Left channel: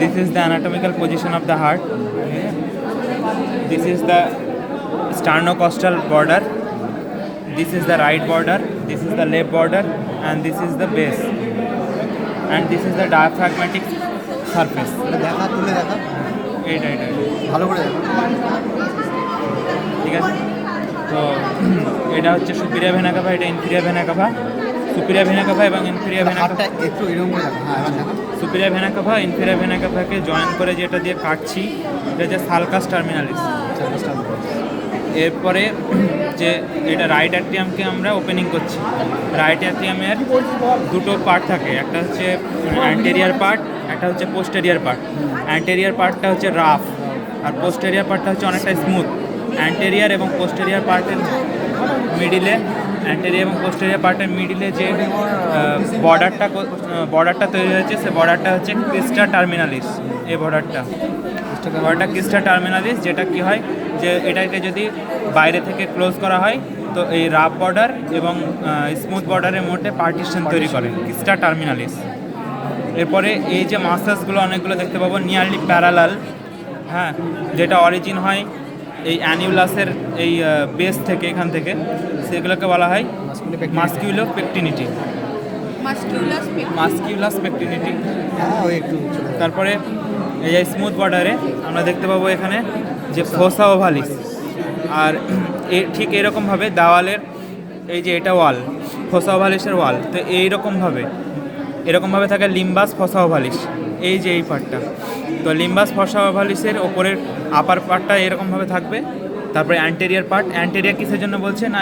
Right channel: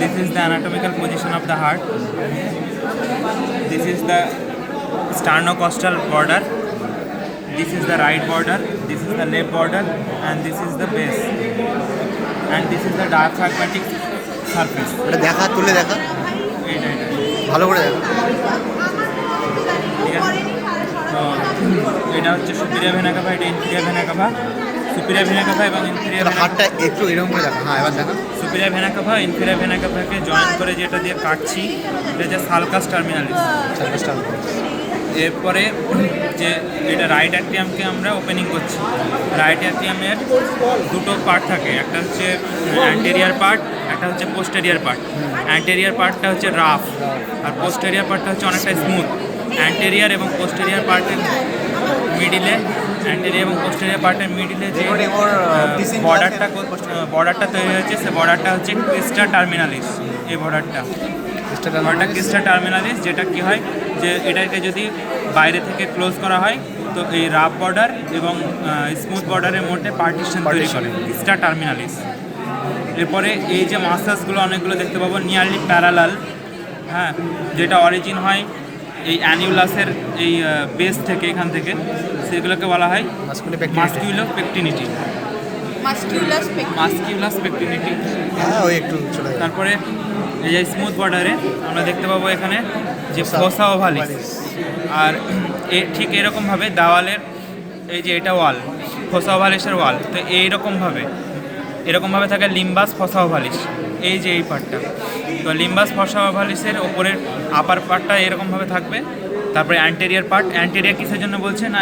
This is the anatomical position of the heart. This is the sternocostal border. This is the right border. This is the left border, and this is the base. And this is the diaphragmatic surface. এটা দেখা তুলে দেখা এটা ভালো করে দেখা। ঠিক আছে, তো এটা হচ্ছে সুপিরিয়র ভেনা কাভা, এটা inferior vena cava. Superior vena cava এবং ইনফিরিয়র হাতটা একটু এরকম করে দেখা। হ্যাঁ, এবার দেখা। Superior vena cava inferior vena কাভাকে জয়েন করে যেটা দিয়ে কাটছি, এটা যে সালকাস টার্মিনালিস। এরপরে যে এটা রাইট অ্যাট্রিয়ামকে আমরা ওপেনিং করছি। রাইট অ্যাট্রিয়ামের দুটো পার্ট থাকে, একটা হচ্ছে অ্যান্টেরিয়ার পার্ট, একটা হচ্ছে পোস্টেরিয়ার পার্ট। অ্যান্টেরিয়ার পার্টটা হচ্ছে রাফ, আর পোস্টেরিয়ার পার্টটা হচ্ছে অনেকটা স্মুথ। অ্যান্টেরিয়ার এবং পোস্টেরিয়ার পার্টের মিডিলে, অ্যান্টেরিয়ার এবং পোস্টেরিয়ার পার্টের মিডিলে যে বর্ডারটা তৈরি হয়েছে, সে বর্ডারটা হচ্ছে ক্রিস্টা টার্মিনালিস। এই বর্ডারটা ক্রিস্টা টার্মিনালিস, যেটা কি হয় যে এটাকে যদি বাইরে থেকে ক্লোজ করা হয় তো এই রাফ বর্ডার এবং স্মুথ বর্ডারের মধ্যে পার্টিশন তৈরি করে ক্রিস্টা টার্মিনালিস। এরপরে এই যে মাসেলসগুলো অনেকগুলো দেখতে পাবো নিয়ারলি প্যারালাল, হ্যাঁ, যেটা অরিজিন হয় এই অ্যানিউলাসের এই বেস থেকে, এখান থেকে, সেগুলোকে বলা হয় মাস্কিউলার পেকটিনিটি। মাস্কিউলাস পেকটিনিটি। হ্যাঁ, ওই একটু চলে যাবে। তারপরে এই যে স্মুথ বর্ডারে আমরা দেখতে পাবো এখানে যে ফোসা ওভালিস। আর ঠিক এরকমভাবে দেওয়ালের এই যে এটা ওয়াল, ফোসা ওভালিসের ওয়াল, তো এরকমভাবে থাকে লিম্বাস ফোসা ওভালিস। এই যে এই পার্টটা, তো লিম্বাস ফোসা ওভালিসের ওপরের আপার পার্টটা এরকমভাবে থাকবে। তারপরে অ্যান্টেরিয়ার পার্ট, অ্যান্টেরিয়ার কিসের জন্য বলছে না,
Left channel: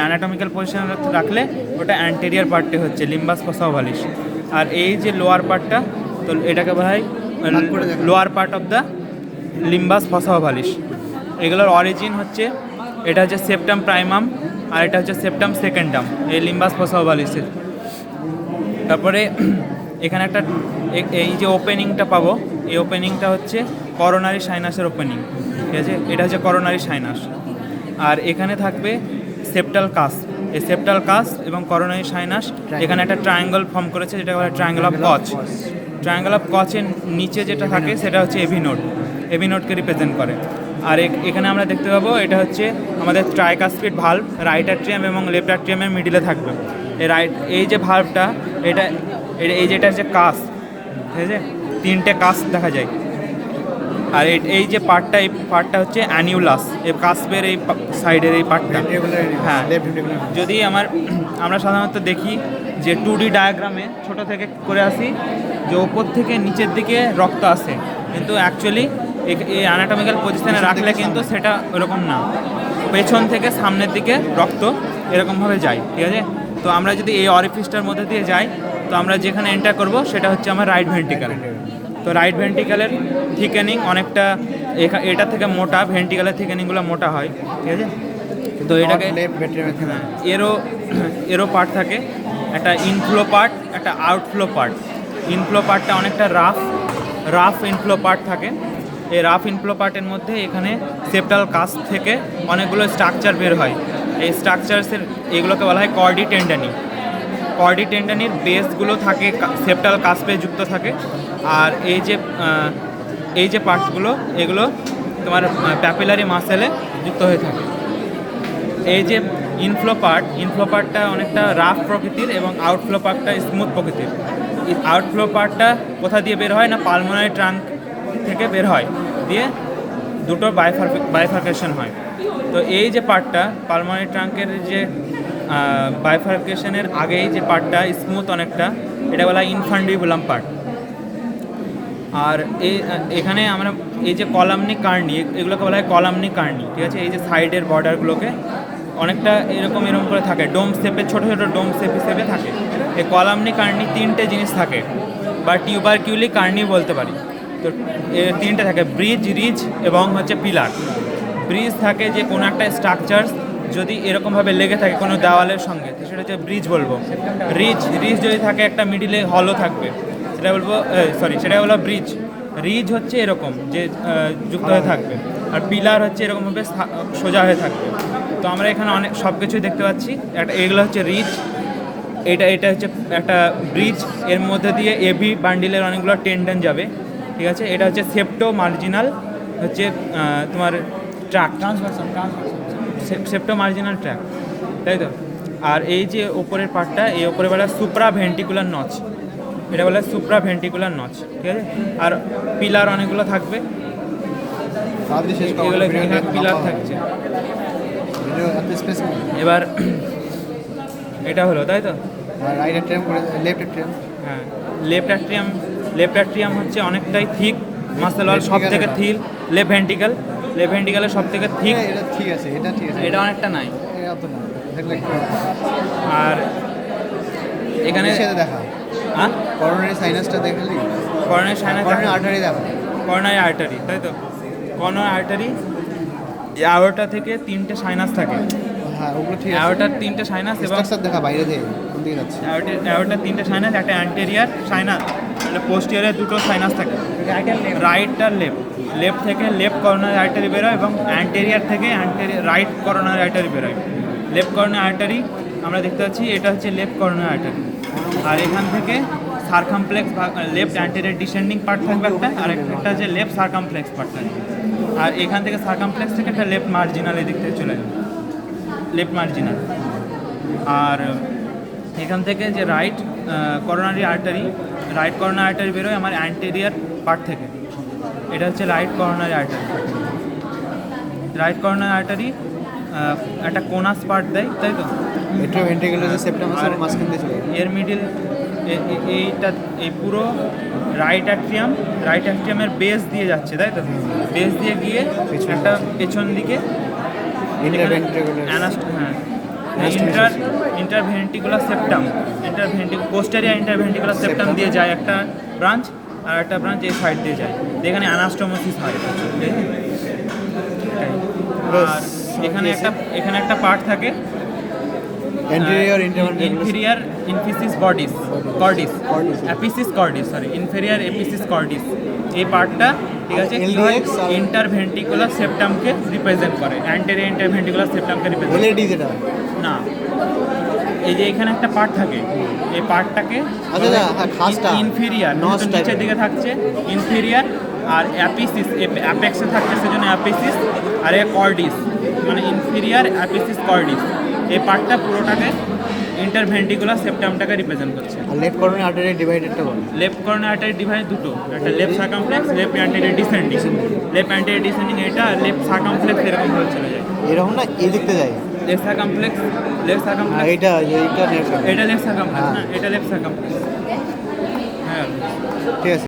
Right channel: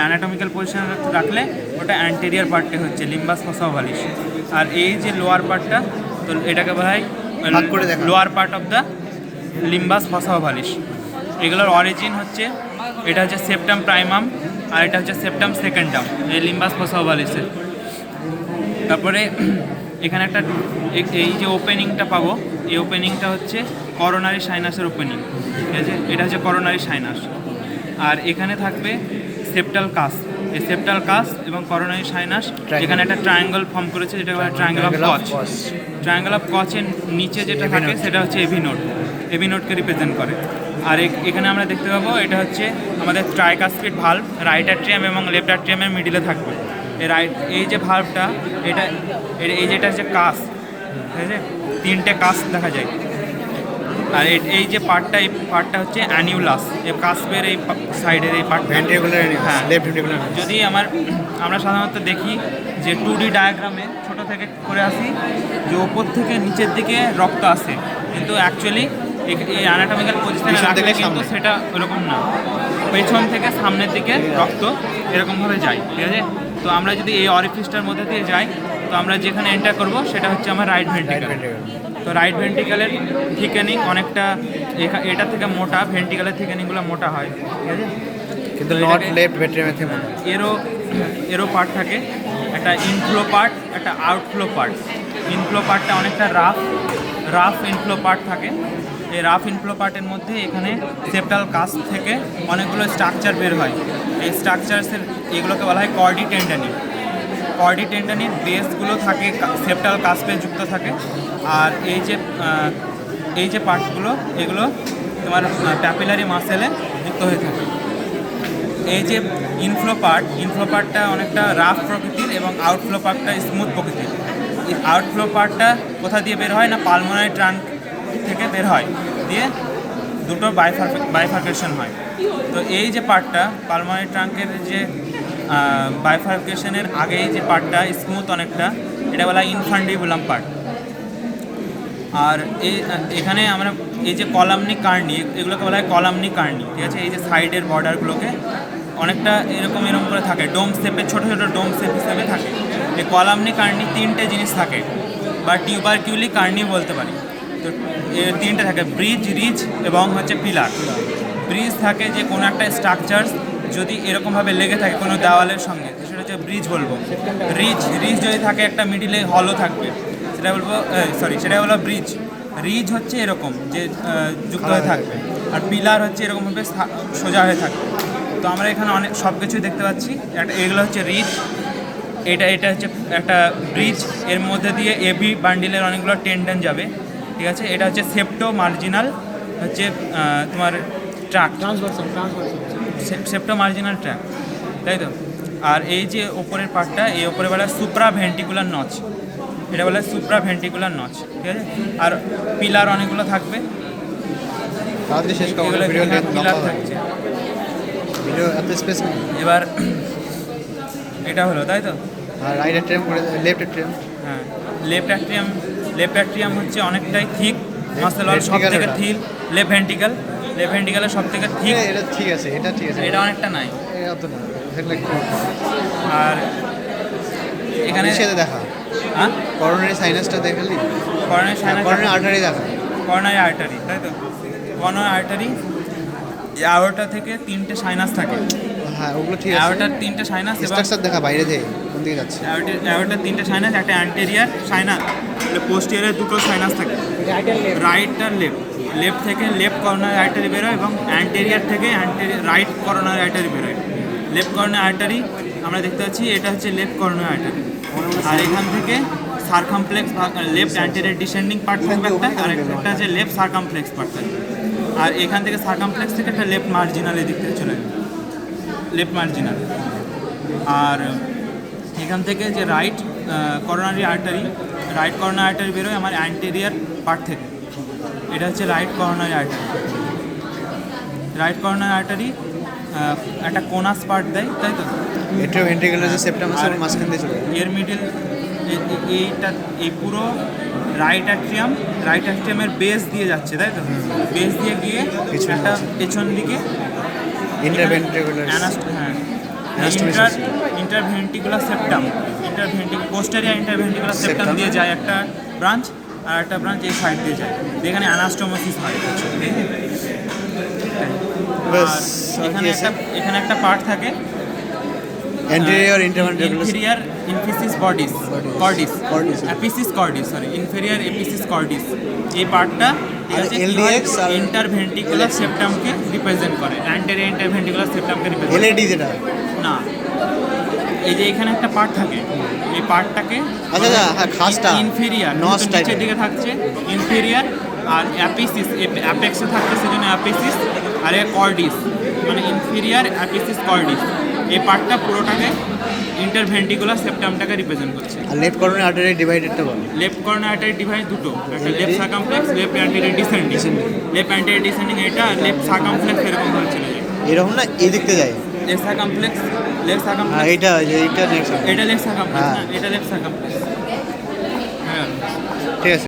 অ্যানাটমিক্যাল পজিশন রাখলে ওটা অ্যান্টেরিয়ার পার্টে হচ্ছে লিম্বাস ফোসা ওভালিস। আর এই যে লোয়ার পার্টটা, তো এটাকে বলা হয় lower part of the limbus fossa ovalis. এগুলোর অরিজিন হচ্ছে, এটা হচ্ছে সেপ্টাম প্রাইমাম আর এটা হচ্ছে সেপ্টাম সেকেন্ডাম, এই লিম্বাস ফোসা ওভালিসের। তারপরে এখানে একটা এই যে ওপেনিংটা পাবো, এই ওপেনিংটা হচ্ছে করোনারি সাইনাসের ওপেনিং, ঠিক আছে, এটা হচ্ছে করোনারি সাইনাস। আর এখানে থাকবে সেপ্টাল কাস, এই সেপ্টাল কাস এবং করোনারি সাইনাস এখানে একটা ট্রায়াঙ্গল ফর্ম করেছে, যেটা বলা হয় ট্রায়াঙ্গল অফ কচ। ট্রায়াঙ্গল অফ কচের নিচে যেটা থাকে সেটা হচ্ছে এভি নোড, এভি নোডকে রিপ্রেজেন্ট করে। আর এখানে আমরা দেখতে পাবো এটা হচ্ছে আমাদের ট্রাইকাসপিড ভালভ, রাইট অ্যাট্রিয়াম এবং লেফট অ্যাট্রিয়ামের মিডিলে থাকবে। এই যে ভালভটা, এই যেটা হচ্ছে কাস, ঠিক আছে, তিনটে কাস দেখা যায়। আর এই যে পার্টটা, এই পার্টটা হচ্ছে অ্যানিউলাস, এই কাসপের এই সাইডের এই পার্ট, হ্যাঁ। যদি আমরা সাধারণত দেখি যে 2D ডায়াগ্রামে ছোটো থেকে করে আসি যে ওপর থেকে নিচের দিকে রক্ত আসে, কিন্তু অ্যাকচুয়ালি এই অ্যানাটমিক্যাল পজিশনে রাখলে কিন্তু সেটা ওরকম না, পেছন থেকে সামনের দিকে রক্ত এরকমভাবে যায়, ঠিক আছে। তো আমরা যদি এই অরিফিসটার মধ্যে দিয়ে যাই, তো আমরা যেখানে এন্টার করব সেটা হচ্ছে আমার রাইট ভেন্ট্রিকল। তো রাইট ভেন্ট্রিকলের থিকেনিং অনেকটা এটা থেকে মোটা, ভেন্ট্রিকলের থিকেনিংগুলো মোটা হয়, ঠিক আছে, কিন্তু লেফট ভেন্ট্রিকলের থেকে এরও পার্ট থাকে, একটা ইনফ্লো পার্ট, একটা আউটফ্লো পার্ট। ইনফ্লো পার্টটা অনেকটা রাফ ইনফ্লো পার্ট থাকে। এই রাফ ইনফ্লো পার্টের মধ্যে এখানে সেপ্টাল কাস্প থেকে অনেকগুলো স্ট্রাকচার বের হয়। এই স্ট্রাকচারসের এগুলোকে বলা হয় কর্ডি টেন্ডানি। কর্ডি টেন্ডানির বেসগুলো থাকে সেপ্টাল কাস্পে যুক্ত থাকে। আর এই যে পার্টগুলো, এগুলো তোমার প্যাপিলারি মাসেলে যুক্ত হয়ে থাকে। এই যে ইনফ্লো পার্টটা অনেকটা রাফ প্রকৃতির এবং আউটফ্লো পার্টটা স্মুথ প্রকৃতির। এই আউটফ্লো পার্টটা কোথা দিয়ে বের হয় না, পালমোনারি ট্রাঙ্ক থেকে বের হয়, দিয়ে দুটো বাইফার্কেশন হয়। তো এই যে পার্টটা পালমোনারি ট্রাঙ্কের যে বাইফার্কেশনের আগেই যে পার্টটা স্মুথ অনেকটা, এটা বলা হয় ইনফান্ডিবুলাম পার্ট। আর এখানে আমরা এই যে কলামনি কার্নি, এগুলোকে বলা হয় কলামনি কার্নি, ঠিক আছে। এই যে সাইডের বর্ডারগুলোকে অনেকটা এরকম করে থাকে, ডোম শেপে, ছোটো ছোটো ডোম শেপ হিসেবে থাকে। এই কলামনি কার্নি তিনটে জিনিস থাকে, বা টিউবারকিউলি কার্নি বলতে পারি। তো তিনটে থাকে, ব্রিজ, রিজ এবং হচ্ছে পিলার। ব্রিজ থাকে যে কোনো একটা স্ট্রাকচার যদি এরকমভাবে লেগে থাকে কোনো দেওয়ালের সঙ্গে, তো সেটা হচ্ছে ব্রিজ বলবো। রিজ যদি থাকে একটা মিডিলে হলো থাকবে, সেটা হলো ব্রিজ। রিজ হচ্ছে এরকম যে যুক্ত হয়ে থাকবে, আর পিলার হচ্ছে এরকমভাবে সোজা হয়ে থাকবে। তো আমরা এখানে অনেক সব কিছুই দেখতে পাচ্ছি। এগুলো হচ্ছে রিজ, এটা হচ্ছে একটা ব্রিজ, এর মধ্যে দিয়ে এবি বান্ডিলের অনেকগুলো টেন্ডন যাবে, ঠিক আছে, এটা হচ্ছে সেপ্টো মার্জিনাল হচ্ছে তোমার ট্রাক, সেপ্টো মার্জিনাল ট্রাক, তাই তো। আর এই যে ওপরের পার্টটা, এই ওপরে বলা সুপ্রা ভেন্টিকুলার নচ, এটা বলা সুপ্রা ভেন্টিকুলার নচ, ঠিক আছে। আর পিলার অনেকগুলো থাকবে, তাড়াতাড়ি শেষ করবো, এগুলো ভিডিও লেন্থ পিলার লম্বা হয়, থাকছে। ভিডিও এত স্পেস নেই। এবার এটা হলো, তাই তো। আর রাইট অ্যাট্রিয়াম করে, লেফট অ্যাট্রিয়াম, হ্যাঁ, লেফট অ্যাট্রিয়াম হচ্ছে অনেকটাই থিক মাসেল, সব Ventricle থেকে ওটা। থিক। লেফট ভেন্টিক্যালের সব থেকে থিক, এটা ঠিক আছে, এটা ঠিক আছে, এটা অনেকটা নাই। এত না দেখলে একটু আর এখানে সাথে দেখা হ্যাঁ করোনারি সাইনাসটা দেখালি, করোনারি আর্টারি দেখা। করোনারি আর্টারি, তাই তো। করোনারি আর্টারি, অ্যাওর্টা থেকে 3টে সাইনাস থাকে, হ্যাঁ ওগুলো ঠিক আছে। অ্যাওর্টার 3টে সাইনাস, স্ট্রাকচার দেখা বাইরে থেকে কোন দিকে যাচ্ছে। অ্যাওর্টার 3টে সাইনাস, একটা অ্যান্টেরিয়ার সাইনাস, পোস্টিয়ারের 2টো সাইনাস থাকে, রাইট আর লেফট থেকে লেফট করোনারি আর্টারি বেরোয় এবং অ্যান্টেরিয়ার থেকে রাইট করোনারি আর্টারি বেরোয়। লেফট করোনারি আর্টারি আমরা দেখতে পাচ্ছি, এটা হচ্ছে লেফট করোনারি আর্টারি। আর এখান থেকে সারকামপ্লেক্স, লেফট অ্যান্টেরিয়ার ডিসেন্ডিং পার্ট থাকবে একটা, আর একটা হচ্ছে লেফট সারকামপ্লেক্স পার্ট থাকবে। আর এখান থেকে সারকামপ্লেক্স থেকে একটা লেফট মার্জিনাল এদিক থেকে চলে যাবে, লেফট মার্জিনাল। আর এখান থেকে যে রাইট করোনারি আর্টারি বেরোয় আমার অ্যান্টেরিয়ার পার্ট থেকে, এটা হচ্ছে রাইট করোনারি আর্টারি। একটা কোনাস পার্ট দেয়, তাই তো। এটা ভেন্ট্রিকুলার যে সেপ্টাম আছে ওর মাঝখান দিয়ে চলে যায়। এর মিডিল এইটা, এই পুরো রাইট অ্যাট্রিয়ামের বেস দিয়ে যাচ্ছে, তাই তো। বেস দিয়ে গিয়ে পেছনে একটা যাচ্ছে। পেছন দিকে interventricular interventricular septum, posterior interventricular septum Septum, দিয়ে যায় একটা ব্রাঞ্চ, আর একটা ব্রাঞ্চ এই সাইড দিয়ে যায়, যেখানে অ্যানাস্টোমোসিস হয়। বাস আর এখানে একটা পার্ট থাকে অ্যান্টেরিয়র ইন্টারভেন্ট্রিকুলার ইনফেরিয়ার ইনফিসিস কর্ডিস, ইনফেরিয়ার এপিসিস কর্ডিস। এই পার্টটা আর LDX আর ইন্টারভেন্টিকুলার সেপ্টামকে রিপ্রেজেন্ট করে, অ্যান্টেরিয়র ইন্টারভেন্টিকুলার সেপ্টামকে রিপ্রেজেন্ট এলএডি যেটা। না, এই যে এখানে একটা পার্ট থাকে, এই পার্টটাকে আচ্ছা আচ্ছা, হ্যাঁ খাসটা ইনফেরিয়ার নস নিচের টাইপের। দিকে থাকছে ইনফেরিয়ার, আর অ্যাপিসিস, অ্যাপেক্সে থাকছে সেখানে অ্যাপিসিস, আর এ কর্ডিস, মানে ইনফেরিয়ার অ্যাপিসিস কর্ডিস। এই পার্টটা পুরোটাকে ইন্টারভেন্টিকুলার সেপ্টামটাকে রিপ্রেজেন্ট করছে। আর লেফট করোনারি আর্টারি ডিভাইডেডটা বল। লেফট করোনারি আর্টারি ডিভাইড দুটো, একটা left circumflex, left anterior descending, left anterior descending এটা, আর লেফট সারকামফ্লেক্স এরকম ভাবে চলে যায়। এরকম না, এই দেখতে যায়। লেফট সারকামফ্লেক্স, লেফট হ্যাঁ সারকামফ্লেক্স, এইটা লেফট এটা লেফট সারকামফ্লেক্স, হ্যাঁ। এটা লেফট সারকামফ্লেক্স। হ্যাঁ, ঠিক আছে।